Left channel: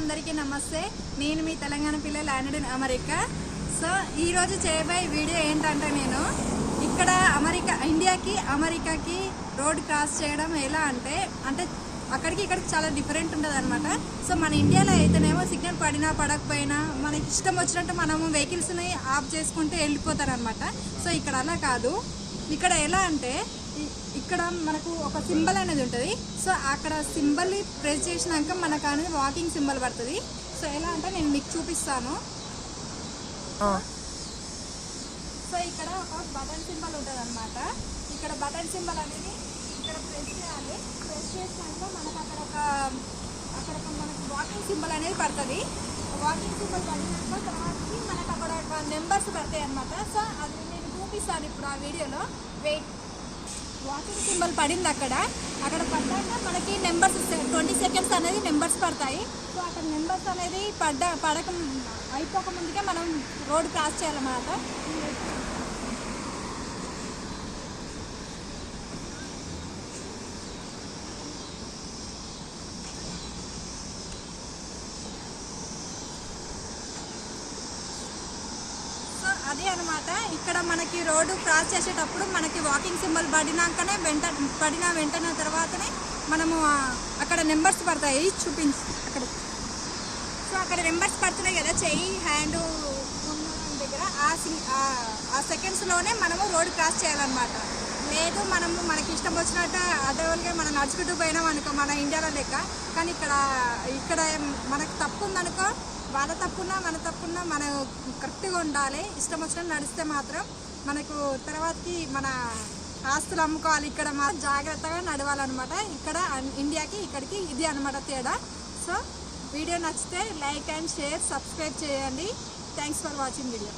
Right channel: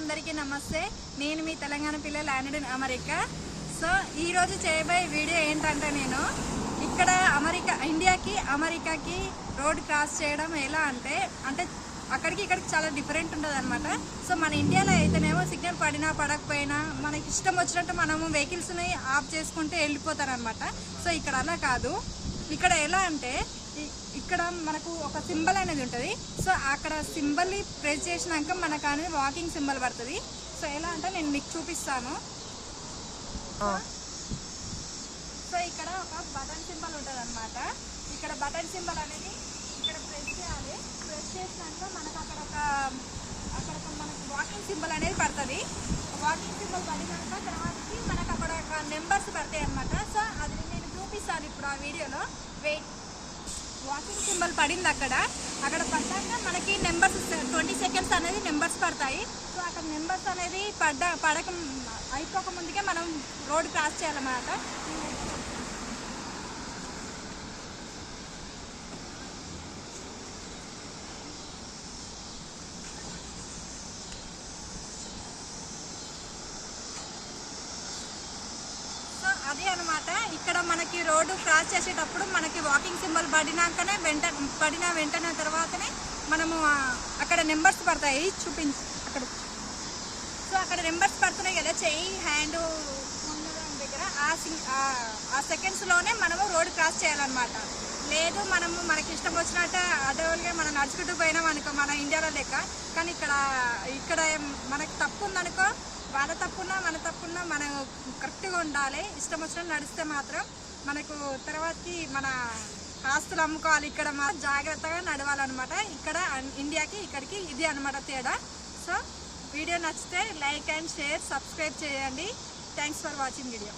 అందరికీ నమస్తే. నేను మీ తెలంగాణ పిల్ల ల్యాండెడ్ ఇన్ అమెరికా. సో ఈరోజు చేయబోయే వీడియో ఏంటంటే నేను ఇక్కడ అమెరికా ఇండియాకి అమెరికాకి రోడ్ క్రాస్ చేయడం ఎలా అంటే అంటే అక్కడికి ఇక్కడికి చాలా డిఫరెంట్ ఉంటుంది అనమాట సో మన ఇండియాలో అయితేనేమో సిగ్నల్ పడినా పడకపోయినా మనకి ఇష్టం వచ్చినట్టు మనము వెహికల్స్ని ఆఫ్ చేసుకుంటే వెళ్ళిపోతారు అనమాట సో ఇక్కడ అలా కాదు. ఇక్కడ ఎలా అంటే ఇక్కడ మనకు ఒక సింబల్ అనేది ఉంటుంది. సో అక్కడ సింబల్ని ప్రెస్ చేసినాక మనకు అనేది వాకింగ్ సింబల్ పడుతుంది. సో ఎలా అంటే నేను మీకు చూపిస్తాను. సో ఇక్కడ ఒక బటన్ సింబల్ ఉంటుంది అనమాట ఇక్కడ బటన్ సింబల్ అనేది ఇక్కడ ప్రెస్ చేయాలి. ప్రెస్ చేసినాక మనకు అక్కడ ఒక అక్కడ ఒక మనకు వాకింగ్ సింబల్ అనేది పడుతుంది. వాకింగ్ సింబల్ పడినాక తర్వాతకి మనకు అక్కడ ఒక నెంబర్స్ పడతాయి అనమాట సో అది నేను చూపిస్తాను ఇప్పుడు ఆ వీడియోలో. వెయిట్. వాకింగ్ సింబల్ పడింది అక్కడ. అక్కడ పడ్డాక మనకి నెంబర్స్ ట్వంటీ సెకండ్స్ అనేది నెంబర్స్ పడతాయి. సో అక్కడ నెంబర్స్ అనేది పడ్డ పడక అయిపోక ముందుగా మనం రోడ్ క్రాస్ చేయాలన్నమాట సో అదే అనమాట ఇక్కడ మనకి రోడ్డు క్రాస్ చేసేటప్పుడు మనకి వాకింగ్ సింబల్ పడినాకనే వెంట పడిన వెంటనే తర్వాతనే మనము అక్కడ నెంబర్స్ పడతాయి. చూపించి. అక్కడ. సో అక్కడ నెంబర్స్ పడుతున్నాయి కదా. చెయ్యి హ్యాండ్ ఉన్న దగ్గర. ఆ సి- ఆ- ఆ సెకండ్స్లోనే మనము రోడ్ క్రాస్ చేయాలన్నమాట. లేదు మనము మనకి ఇష్టం వచ్చినట్టు అడవులుగా మనం నడుచుకుంటూ పోయినాం అనుకో మన ఇండియాలో లెక్క. కానీ ఇక్కడ ఇక్కడ మనకు తప్పు ఉందనుకో వాళ్ళ తప్పున్నా మన తప్పున్నా మనం కరెక్ట్గా ఉండాలి. ఇష్టం వచ్చినట్టు నడిస్తే మాత్రం మనకు తర్వాతకి మన ఆస్తులు అమ్ముకోవాలి. ఇక్కడ మాత్రం జాగ్రత్తగా నడవాలన్నమాట. ఇక్కడ ఇండియాకి ఇక్కడికి ఇది అనమాట తేడా. సో వీడియో నచ్చితే లైక్ అండ్ షేర్ సబ్స్క్రైబ్ చేయండి. Thanks for watching video